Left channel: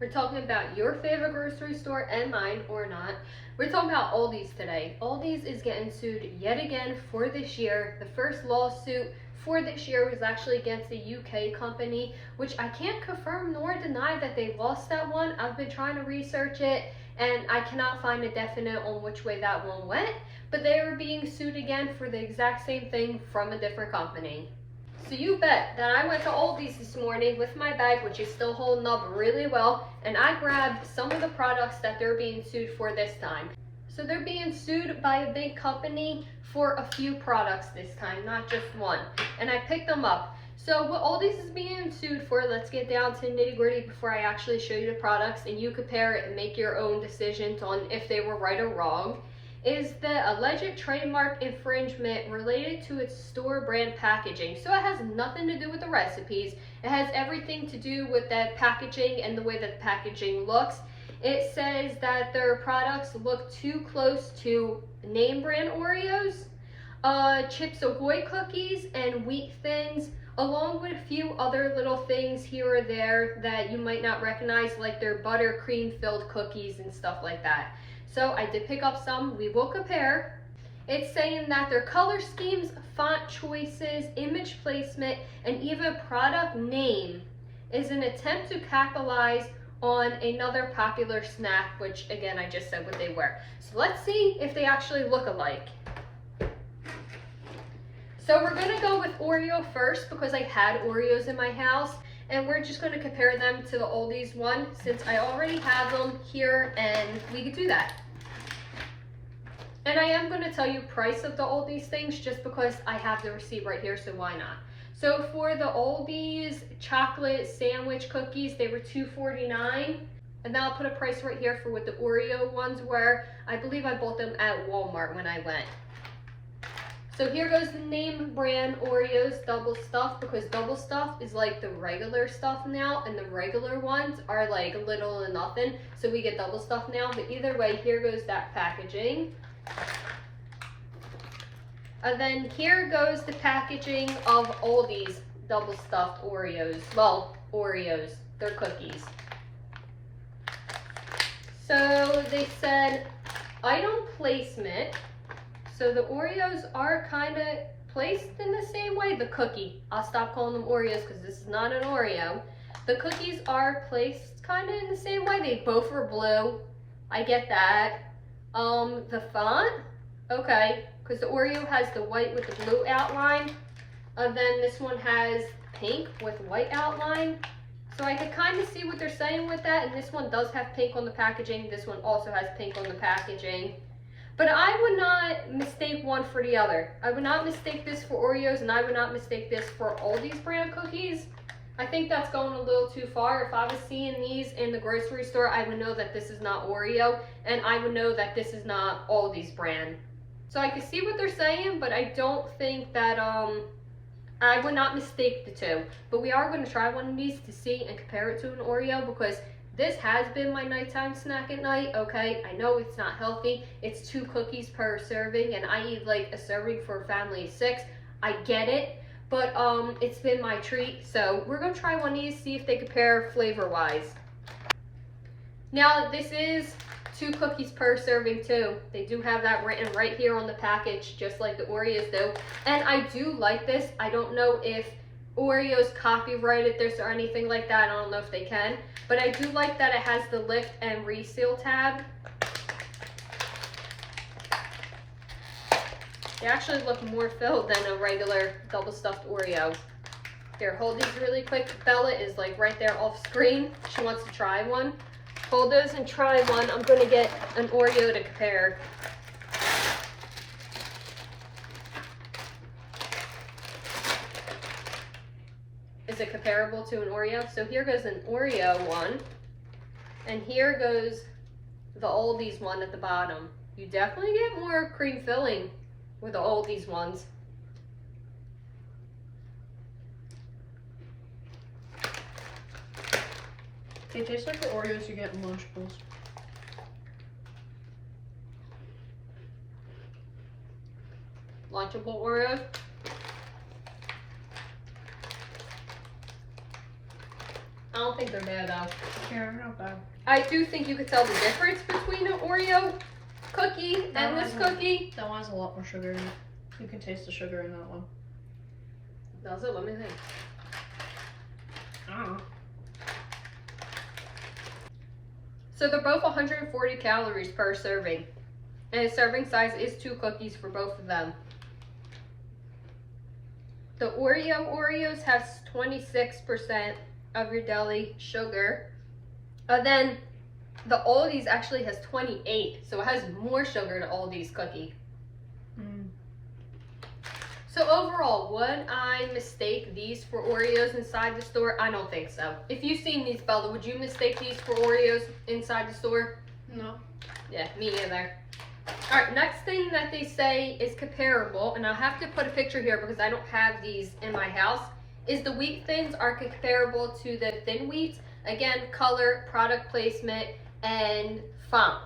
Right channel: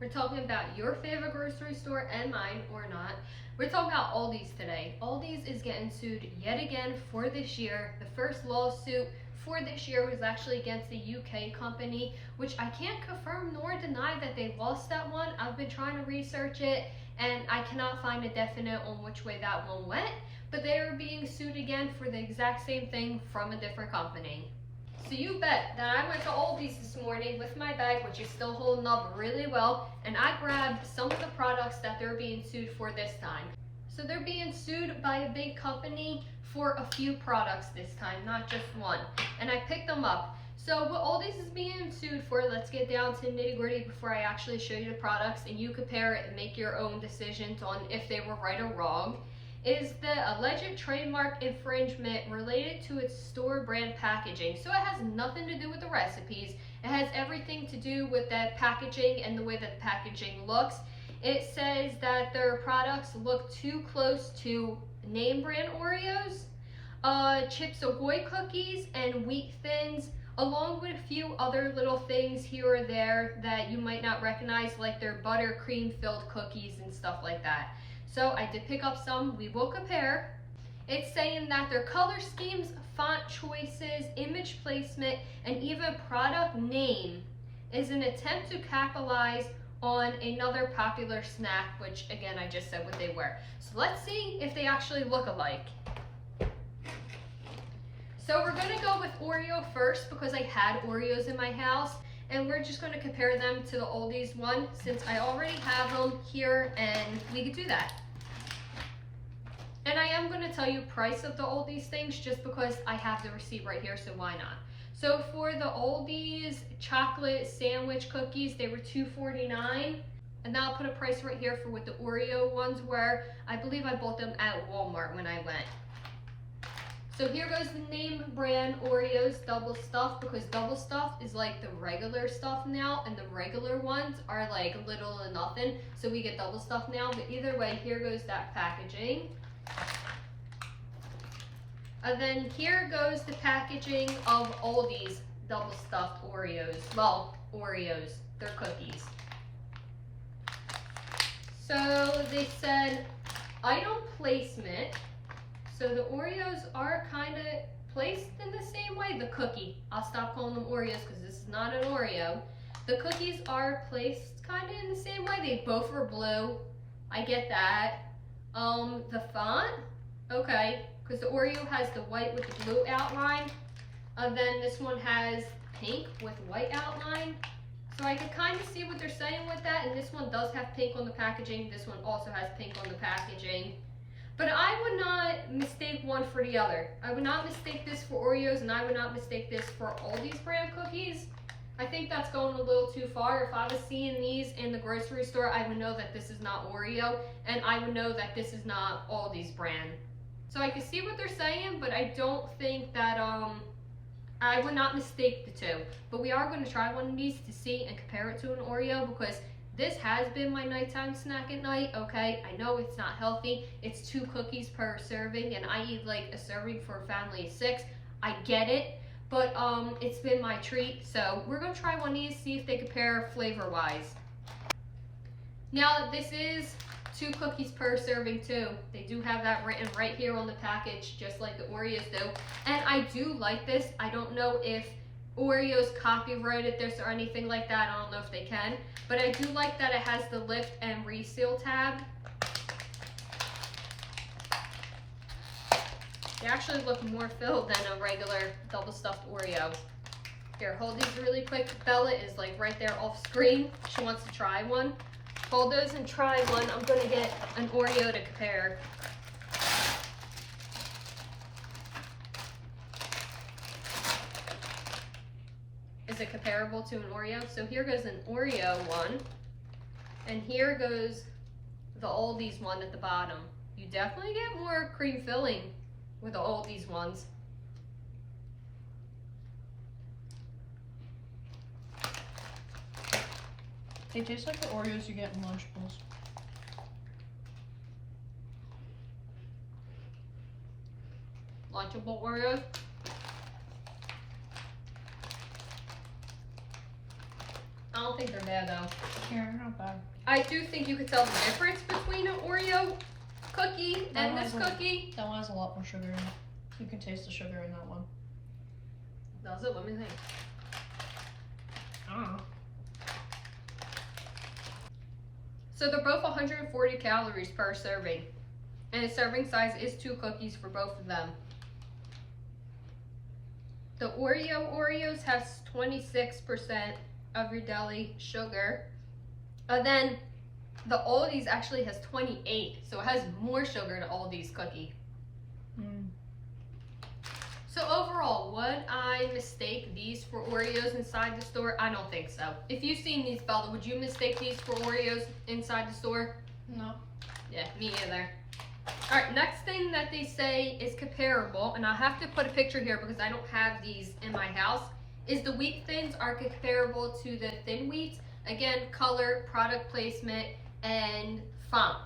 We're talking about your favorite grocery store and mine, or not. We're talking about Aldi's today. Aldi's is getting sued yet again for this year. The first lawsuit for this year was actually against a UK company, which I can't confirm nor deny that they lost that one. I've been trying to research it and I cannot find a definite on which way that one went, but they are being sued again for the exact same thing from a different company. So you bet that I went to Aldi's this morning with my bag, which is still holding up really well, and I grabbed some of the products that they're being sued for this time. So they're being sued by a big company for a few products this time, not just one. And I picked them up. So what Aldi's is being sued for, let's get down to nitty gritty before I actually show you the products and you compare it and make your own decisions on if they were right or wrong, is the alleged trademark infringement related to its store brand packaging. So it has nothing to do with the recipes. It has everything to do with the packaging and the way that the packaging looks. It says that their products look too close to name brand Oreos, Chips Ahoy cookies, and Wheat Thins, along with a few other little things here or there that you might not recognize, like their buttercream filled cookies and stuff like that. So I did pick up some. We will compare. It's saying that their color schemes, font choices, image placement, and even product name is an attempt to capitalize on another popular snack, which again, I just said what they were. So let's see if they actually look alike. So we're gonna go with Oreo first because I had Oreos in my house, and we're just gonna compare them to the Aldi's one since I already have them here and we could do that. And I am gonna tell you price of the Aldi's things just because I have the receipt right here, so why not? So for the Aldi's chocolate sandwich cookies, they were $2.49. And now I'll put a price right here for what the Oreo ones were. I believe I bought them at Walmart when I went. So here goes the name brand Oreos double stuffed, because double stuffed is like the regular stuff now, and the regular ones are like little to nothing. So we get double stuffed now, but either way, here goes that packaging. And then here goes the packaging of Aldi's double stuffed Oreos. Well, Oreos, they're cookies. So they said item placement. So the Oreos are kind of placed in the same way. The cookie, I'll stop calling them Oreos because this is not an Oreo. The cookies are placed kind of in the same way. They both are blue. I get that. The font, okay, because the Oreo has the white with the blue outline. And then this one has pink with white outline. So I could kind of see what they're saying with that. And this one does have pink on the packaging. This one also has pink on the packaging. But I would not mistake one for the other. I would not mistake this for Oreos, and I would not mistake this for Aldi's brand cookies. I think that's going a little too far. If I was seeing these in the grocery store, I would know that this is not Oreo, and I would know that this is not Aldi's brand. So I can see what they're saying, but I don't think that, I would not mistake the two. But we are going to try one of these to see and compare it to an Oreo, because this has been my nighttime snack at night, okay? I know it's not healthy. It's 2 cookies per serving, and I eat like a serving for a family of 6. I get it, but it's been my treat. So we're gonna try one of these, see if they compare flavor-wise. Now, this is 2 cookies per serving too. They do have that written right here on the package, just like the Oreos do. And I do like this. I don't know if Oreos copyrighted this or anything like that. I don't know if they can, but I do like that it has the lift and reseal tab. They actually look more filled than a regular double stuffed Oreo. Here, hold these really quick. Bella is like right there off screen. She wants to try one. Hold those and try one. I'm gonna get an Oreo to compare. Is it comparable to an Oreo? So here goes an Oreo one, and here goes the Aldi's one at the bottom. You definitely get more cream filling with the Aldi's ones. They taste like the Oreos you get in Lunchables. Lunchable Oreos. I don't think they're bad though. Yeah, not bad. I do think you could tell the difference between an Oreo cookie and this cookie. That one has a lot more sugar in it. You can taste the sugar in that one. Does it? Let me think. I don't know. So they're both 140 calories per serving. And the serving size is 2 cookies for both of them. The Oreos has 26% of your deli sugar. And then the Aldi's actually has 28, so it has more sugar to Aldi's cookie. So overall, would I mistake these for Oreos inside the store? I don't think so. If you've seen these, Bella, would you mistake these for Oreos inside the store? No. Yeah, me either. Alright, next thing that they say is comparable, and I'll have to put a picture here because I don't have these in my house, is the wheat thins are comparable to the thin wheats. Again, color, product placement, and font.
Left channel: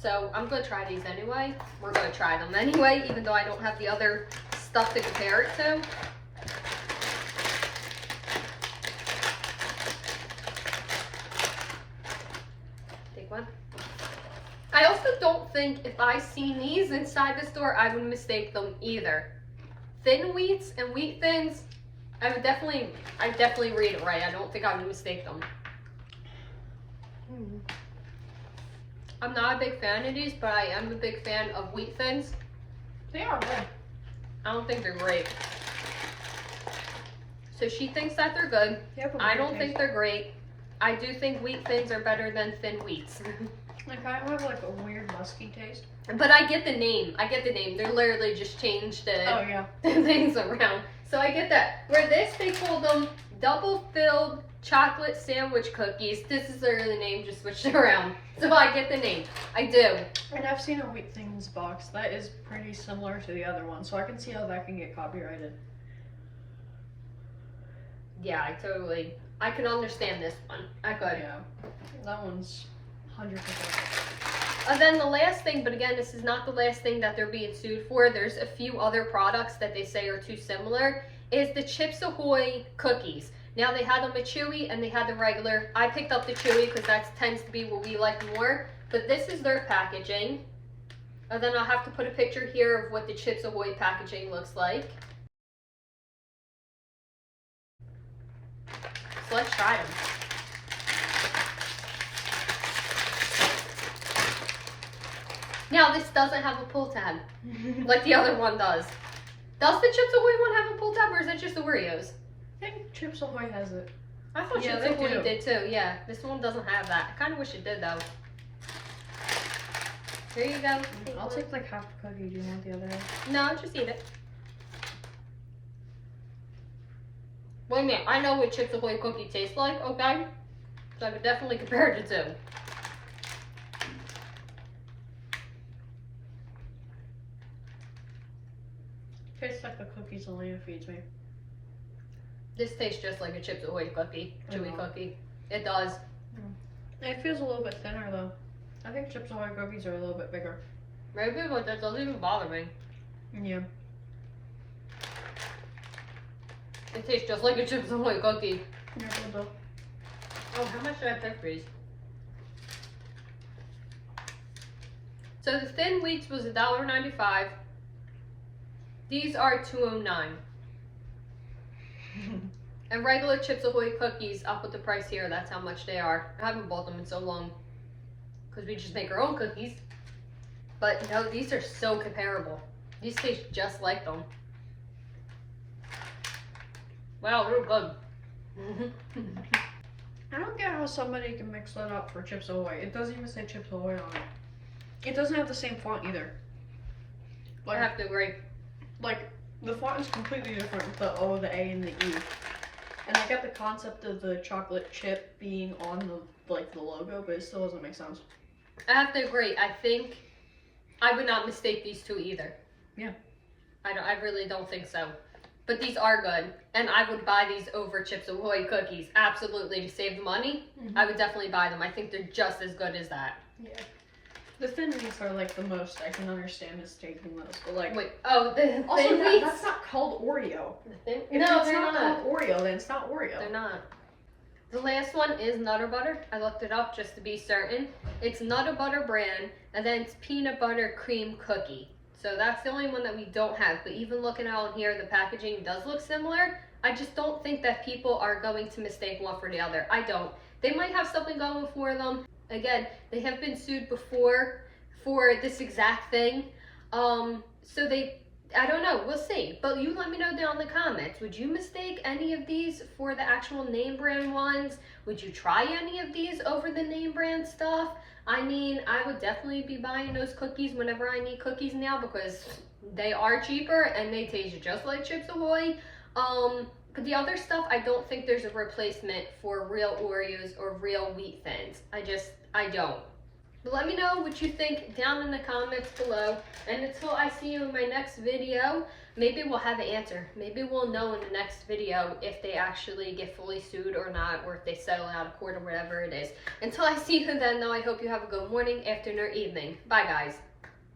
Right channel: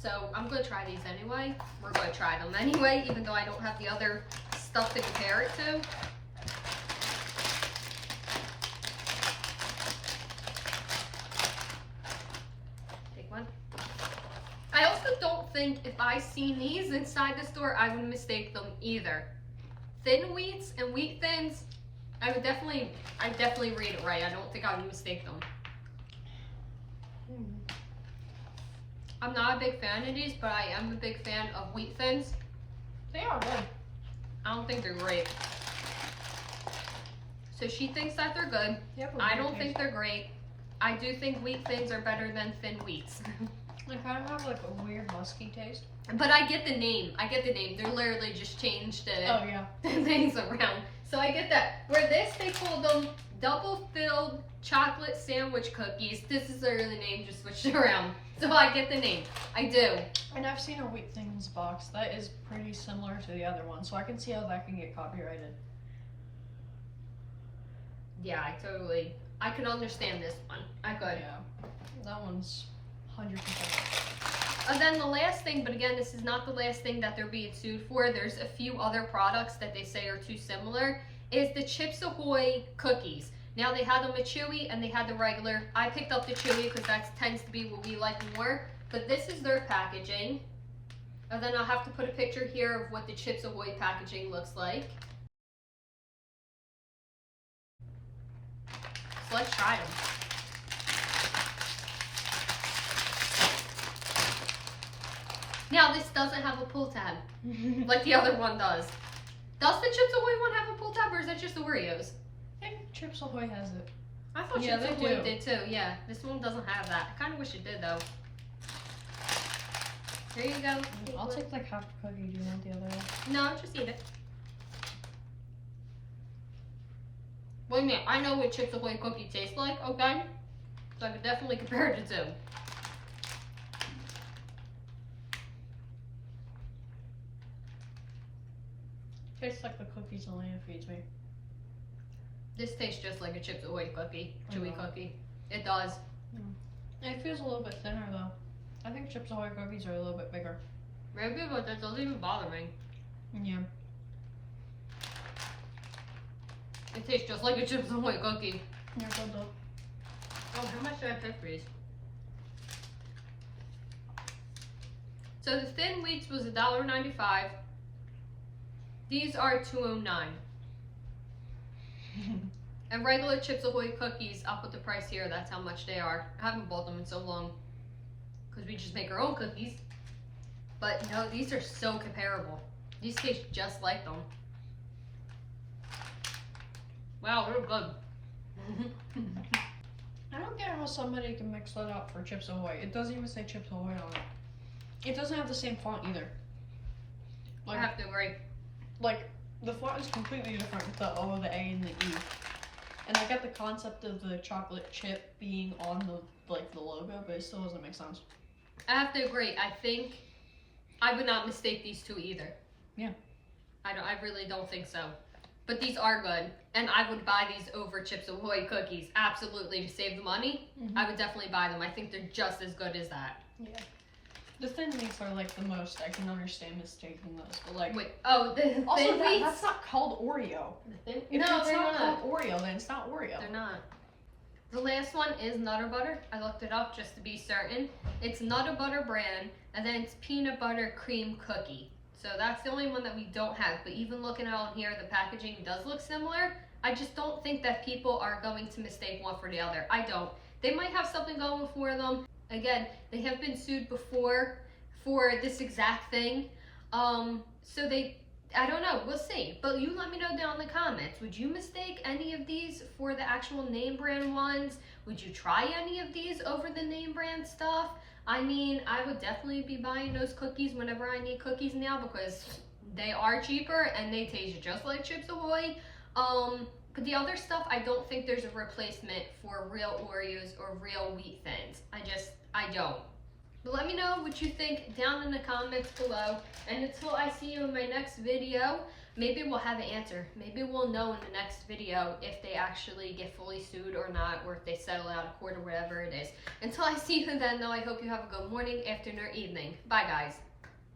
So I'm going to try these anyway. We're going to try them anyway, even though I don't have the other stuff to compare it to. Take one. I also don't think if I seen these inside the store, I would mistake them either. Thin wheats and wheat thins, I definitely read it right. I don't think I would mistake them. I'm not a big fan of these, but I am a big fan of wheat thins. They are good. I don't think they're great. So she thinks that they're good. I don't think they're great. I do think wheat thins are better than thin wheats. They kind of have like a weird musky taste. But I get the name. They literally just changed the things around. So I get that. Where this, they called them double filled chocolate sandwich cookies. This is literally the name, just switched around. So I get the name. I do. And I've seen a Wheat Things box that is pretty similar to the other one, so I can see how that can get copyrighted. Yeah, I can understand this one. I could. Yeah, that one's 100%. And then the last thing, but again, this is not the last thing that they're being sued for. There's a few other products that they say are too similar. Is the Chips Ahoy cookies. Now they had them a chewy and they had the regular. I picked up the chewy because that tends to be what we like more. But this is their packaging. And then I'll have to put a picture here of what the Chips Ahoy packaging looks like. So let's try them. Now this doesn't have a pull tab like the other one does. Does the Chips Ahoy one have a pull tab or is it just the Oreos? I think Chips Ahoy has it. I thought Chips Ahoy did too. Yeah, this one doesn't have that. I kind of wish it did though. Here you go. I'll take like half a cookie. Do you want the other half? No, just eat it. Wait a minute, I know what Chips Ahoy cookie tastes like, okay? So I could definitely compare the two. Tastes like the cookies Elena feeds me. This tastes just like a Chips Ahoy cookie, chewy cookie. It does. It feels a little bit thinner though. I think Chips Ahoy cookies are a little bit bigger. Maybe, but that doesn't even bother me. Yeah. It tastes just like a Chips Ahoy cookie. They're good though. Oh, how much did I pay for these? So the thin wheats was $1.95. These are $2.09. And regular Chips Ahoy cookies, I'll put the price here. That's how much they are. I haven't bought them in so long because we just make our own cookies. But no, these are so comparable. These taste just like them. Wow, they're good. I don't get how somebody can mix that up for Chips Ahoy. It doesn't even say Chips Ahoy on it. It doesn't have the same font either. I have to agree. Like, the font is completely different with the O, the A, and the E. And I get the concept of the chocolate chip being on the logo, but it still doesn't make sense. I have to agree. I think I would not mistake these two either. Yeah. I really don't think so. But these are good. And I would buy these over Chips Ahoy cookies. Absolutely. To save the money, I would definitely buy them. I think they're just as good as that. Yeah. The thin wheats are like the most I can understand is taking those, but like. Wait, oh, the Also, thin wheats? that's not called Oreo. The thin? If No, it's they're not not. called Oreo, then it's not Oreo. They're not. The last one is Nutter Butter. I looked it up just to be certain. It's Nutter Butter brand, and then it's peanut butter cream cookie. So that's the only one that we don't have. But even looking out on here, the packaging does look similar. I just don't think that people are going to mistake one for the other. I don't. They might have something going for them. Again, they have been sued before for this exact thing. So I don't know, we'll see. But you let me know down in the comments. Would you mistake any of these for the actual name brand ones? Would you try any of these over the name brand stuff? I mean, I would definitely be buying those cookies whenever I need cookies now because they are cheaper and they taste just like Chips Ahoy. But the other stuff, I don't think there's a replacement for real Oreos or real Wheat Thins. I don't. But let me know what you think down in the comments below. And until I see you in my next video, maybe we'll have an answer. Maybe we'll know in the next video if they actually get fully sued or not, or if they settle out of court or whatever it is. Until I see you then, though, I hope you have a good morning, afternoon, or evening. Bye, guys.